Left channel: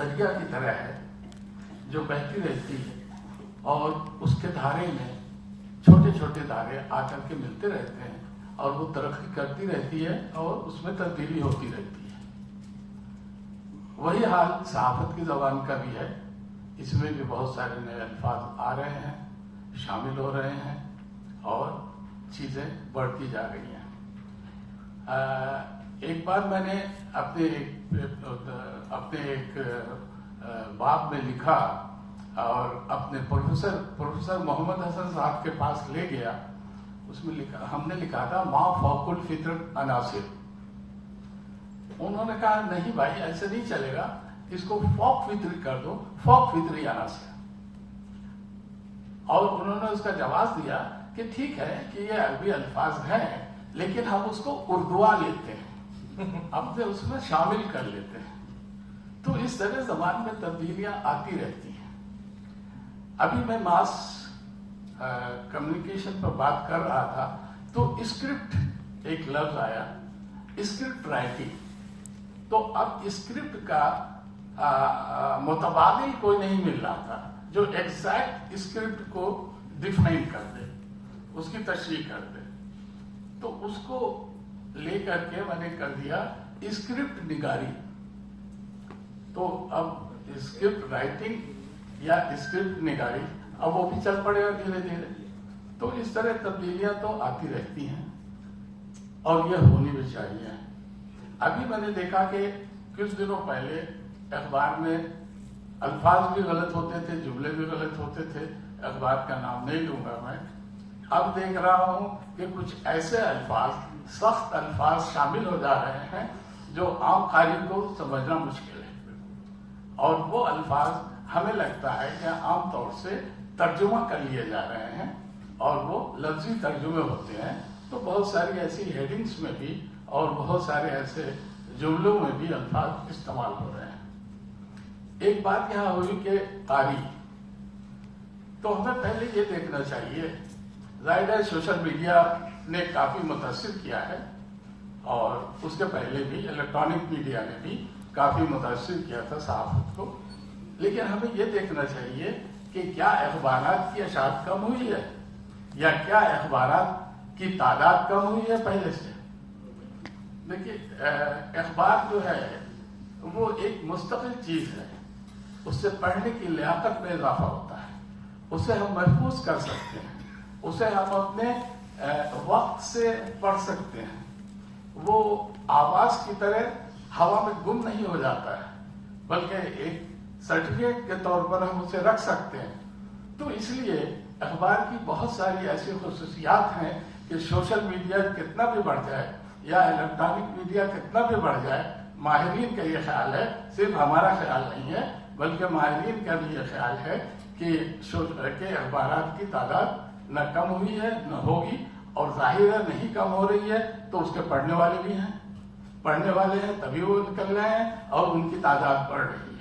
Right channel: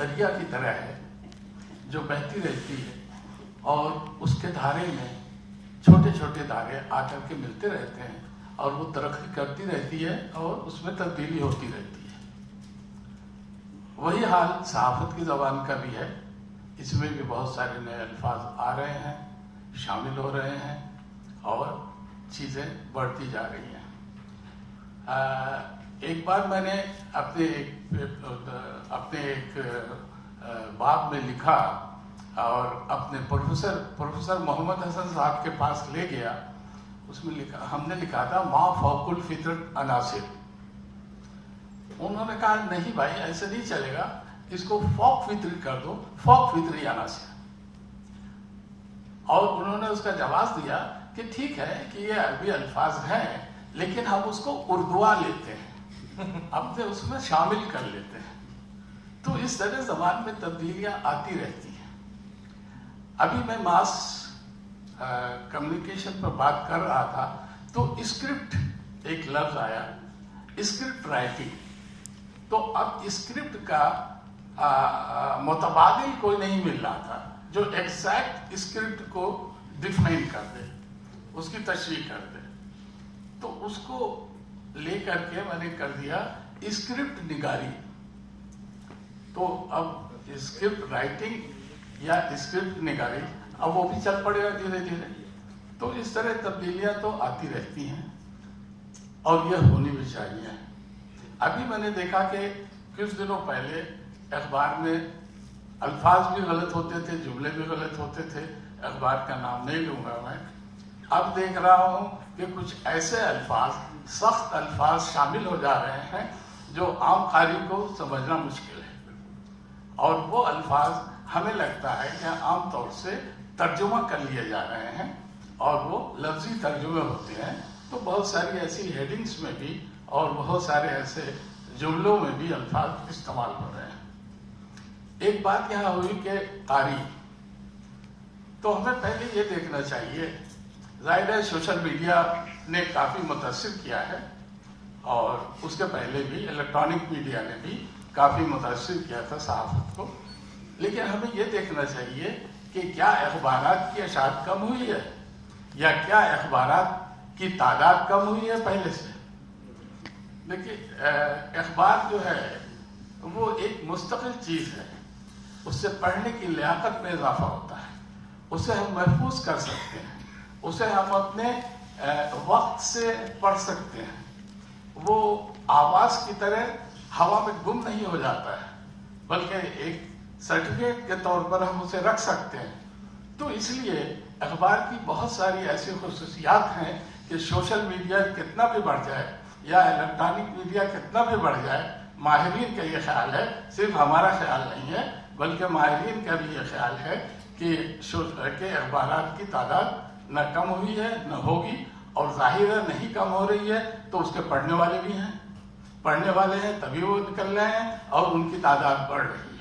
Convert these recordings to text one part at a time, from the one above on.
دریا کی طرح ہے جو بہتی رہتی ہے اور اس کے دھارے میں چھوٹے چھوٹے دھارے آ کر کے ملتے رہتے ہیں اور وہ ترقی کرتی رہتی ہے اور اس میں تبدیلی ہوتی رہتی ہے. وہی حال صحافت کی زبان کا بھی ہے. اس میں بھی بہت سارے نئے الفاظ آ رہے ہیں, شامل ہو رہے ہیں اور چیزیں بڑھتی جا رہی ہیں. ایک بار میں نے اپنے ایک باب میں لکھا اور اپنے پروفیسر محمد حسن صاحب کے پاس لے گیا. اس میں ہم نے لکھا تھا ما فوق الفطرت عناصر. انہوں نے کہا نہیں بھائی ایسے نہیں چلے گا, اس کو فوق فطری کر دو, فوق فطری عناصر. اور انہوں نے اس کا جواز دیا کہ ٹھیک ہے کہ یہ عربی الفاظ ہیں لیکن ہم اس کو اردوا لیتے ہیں, اپنے اس میں شامل کر لیتے ہیں. تو اس طرح زبان میں تبدیلیاں آتی رہتی ہیں. ابھی میں ماس کمیونیکیشن پر بات کر رہا تھا تو اسکرپٹ ایک لفظ آیا, اسکرپٹ رائٹنگ. تو اب اسکرپٹ کا متبادل کوئی نہیں مل رہا تھا جو ایگزیکٹ اسکرپٹ کو ڈیفائن کر دے, اس کی تشریح کر دے. تو اس کو لے کر کے میں نے کر دیا اسکرپٹ نگاری. تو اب اسکرپٹ رائٹنگ یا اسکرپٹ نگاری اب وہ بھی چل پڑے گا دھیرے دھیرے. تو اس طرح تبدیلیاں تو آتی رہتی ہیں اور یہ ہونی بھی چاہیے. ابھی میں نے دیکھا کہ کچھ دنوں پہلے اخبار میں الفاظ بھی غلط ہوتے تھے, جملے بھی غلط ہوتے تھے. اخبار کا نام نہیں لوں گا میں. اب دیکھ رہا ہوں کہ کچھ ایسے الفاظ, سخت الفاظ شامل ہو جا رہے ہیں جو عام قاری کو سمجھنا مشکل ہے. اور وہ الفاظ ہمیں لگتا ہے کہ عام طور سے ترجمہ کر لیے جا رہے ہیں اور وہ لفظی ترجمے ہوتے ہیں. تو بہت ساری ایسی ہیڈنگز میں بھی اور بہت سارے ایسے جملوں میں بھی الفاظ استعمال ہو رہے ہیں. ایک بات یہاں ہوئی کہ تاریخ, تو ہمیں پہلے یہ دیکھنا چاہیے. ظاہر ہے سوشل میڈیا نے کافی متاثر کیا ہے اور اس کے پہلے بھی الیکٹرانک میڈیا نے بھی کافی متاثر کیا تھا صحافت کو. لیکن ہمیں یہ دیکھنا چاہیے کہ کیا اخبارات کی اشاعت کم ہوئی ہے یا کیا اخبارات کی تعداد کم ہوئی ہے پہلے سے. دیکھیے اخبار جو ہے وہ ایک مستقل چیز ہے. اس سے پڑھنے کی لیاقت میں اضافہ ہوتا ہے, اسے ہم محفوظ کر سکتے ہیں, اسے ہم اپنے وقت سے پڑھ سکتے ہیں. وہ آواز کی طرح ہوا میں گم نہیں ہو جاتا ہے بلکہ ایک سرٹیفکیٹ کے طور پر ہم اسے رکھ سکتے ہیں. تو اس لیے اخبار کی بہت ساری ایسی خصوصیات ہیں کہ سوشل میڈیا کتنا بھی بڑھ جائے یا الیکٹرانک میڈیا کتنا بھی بڑھ جائے, ماہرین کا یہ خیال ہے, صرف ہمارا خیال نہیں ہے بلکہ ماہرین کا بھی یہ خیال ہے کہ اخبارات کی تعداد نہ کم ہوئی ہے نہ ہوگی. اور ظاہر ہے نہیں کم ہو رہی ہے تو اس کے پڑھنے والے بھی ہیں, پڑھنے والے ہیں تبھی وہ نکل رہے ہیں اور ان کی تعداد بڑھ رہی ہے.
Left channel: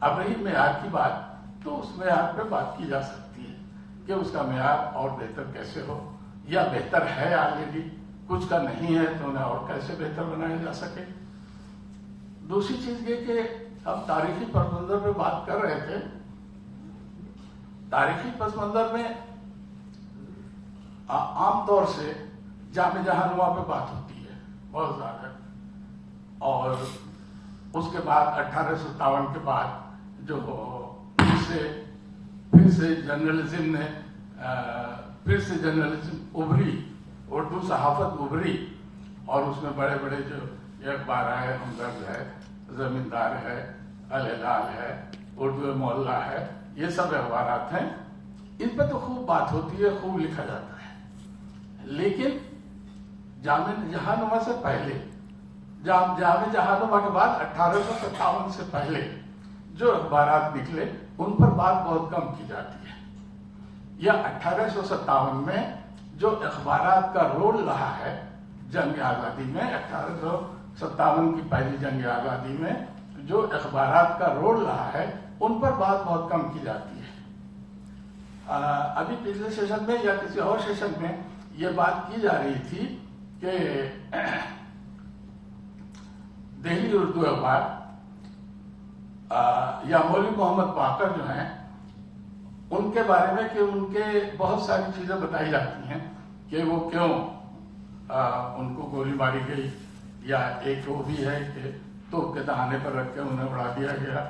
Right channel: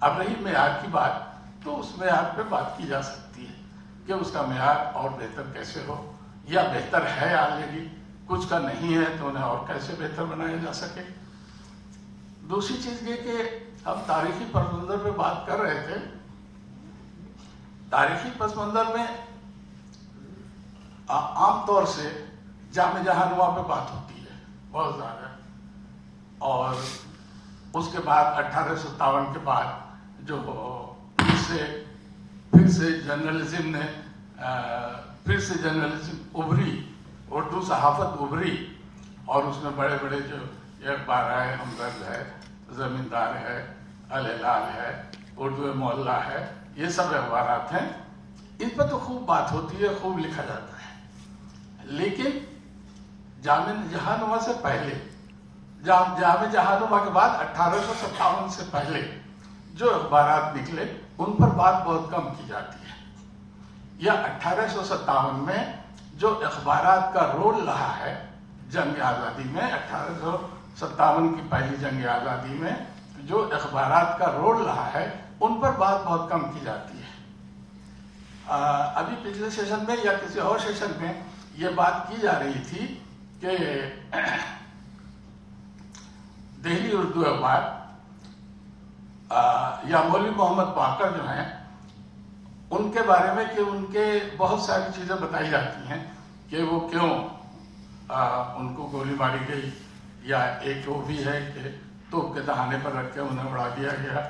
اب رہی معیار کی بات, تو اس معیار پہ بات کی جا سکتی ہے کہ اس کا معیار اور بہتر کیسے ہو, یا بہتر ہے آلریڈی, کچھ کا نہیں ہے تو انہیں اور کیسے بہتر بنایا جا سکے. دوسری چیز یہ کہ ہم تاریخی پس منظر پہ بات کر رہے تھے. تاریخی پس منظر میں عام طور سے جامع جہانما پہ بات ہوتی ہے بہت زیادہ, اور اس کے بعد 1857 کے بعد جو پھر سے جرنلزم ابھری, اردو صحافت ابھری, اور اس میں بڑے بڑے جو اخبار ہے, ہمدرد ہے, زمیندار ہے, الہلال ہے, اردو معلیٰ ہے, یہ سب اخبارات ہیں. ان پر تو خوب بات ہوتی ہے, خوب لکھا جاتا ہے. لیکن جامع جہانما سے پہلے, جامع جہانما کے بعد 1857 سے پہلے جو اخبارات نکلے ان پر بات بہت کم کی جاتی ہے. یا 1857 میں جو اخبارات کا رول رہا ہے جنگ آزادی میں, 1857 کی پہلی جنگ آزادی میں جو اخبارات کا رول رہا ہے ان پر بات بہت کم کی جاتی ہے. ابھی پچھلے سیشن میں یا کسی اور سیشن میں یہ بات کی جا رہی تھی کہ دہلی اردو اخبار یا مولوی محمد باقر جو ہیں ان کے بارے میں کہ ان کے بہت ساری چیزیں بتائی جاتی ہیں کہ وہ کیوں ان کو گولی ماری گئی، یا ایک وہ بھی ہے کہ توپ کے دہانے پر رکھ کے انہیں اڑا دیا گیا،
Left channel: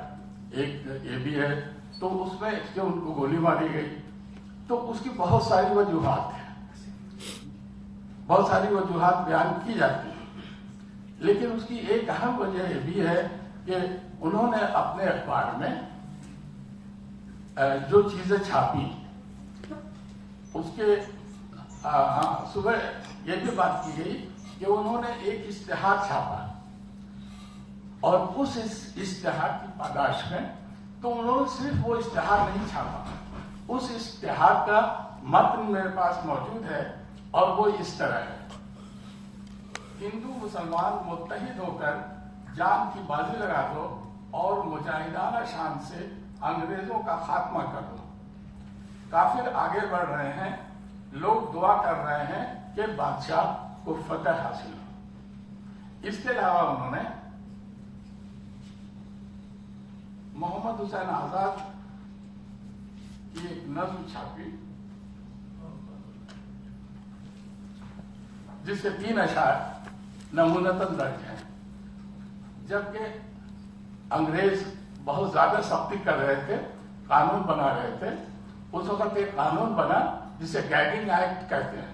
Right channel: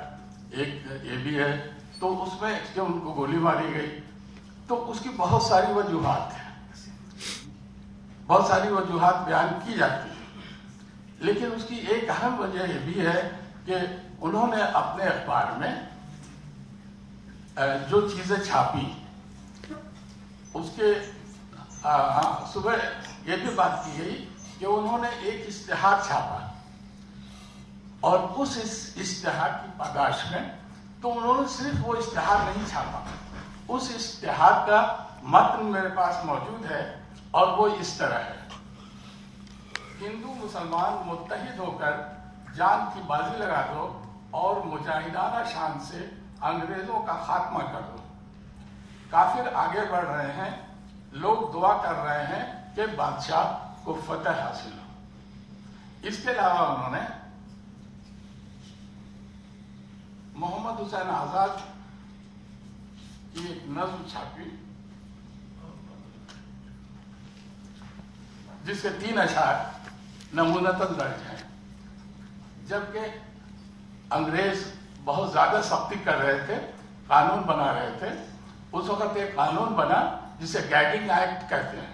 ایک یہ بھی ہے تو اس میں کہ ان کو گولی ماری گئی. تو اس کی بہت ساری وجوہات ہیں، بہت ساری وجوہات بیان کی جاتی ہیں، لیکن اس کی ایک اہم وجہ یہ بھی ہے کہ انہوں نے اپنے اخبار میں جو چیزیں چھاپی اس کے صبح یہ بھی بات کی گئی کہ انہوں نے ایک اشتہار چھاپا اور اس اشتہار کی پاداش میں تو انہوں نے صرف وہ اشتہار نہیں چھاپا، اس اشتہار کا متن میرے پاس موجود ہے اور وہ اس طرح ہے: ہندو مسلمان متحد ہو کر جان کی بازی لگا دو اور مجاہدانہ شان سے انگریزوں کا خاتمہ کر دو. کافر آگے بڑھ رہے ہیں، لوگ دعا کر رہے ہیں کہ بادشاہ کو فتح حاصل ہو. اس کے علاوہ انہوں نے محمد حسین آزاد کی ایک نظم چھاپی جس کے 3 اشعار نمونتاً درج ہیں. جبکہ انگریز بہت زیادہ سختی کر رہے تھے، قانون بنا رہے تھے، اس وقت ایک قانون بنا جسے گائیڈنگ ایکٹ کہتے ہیں،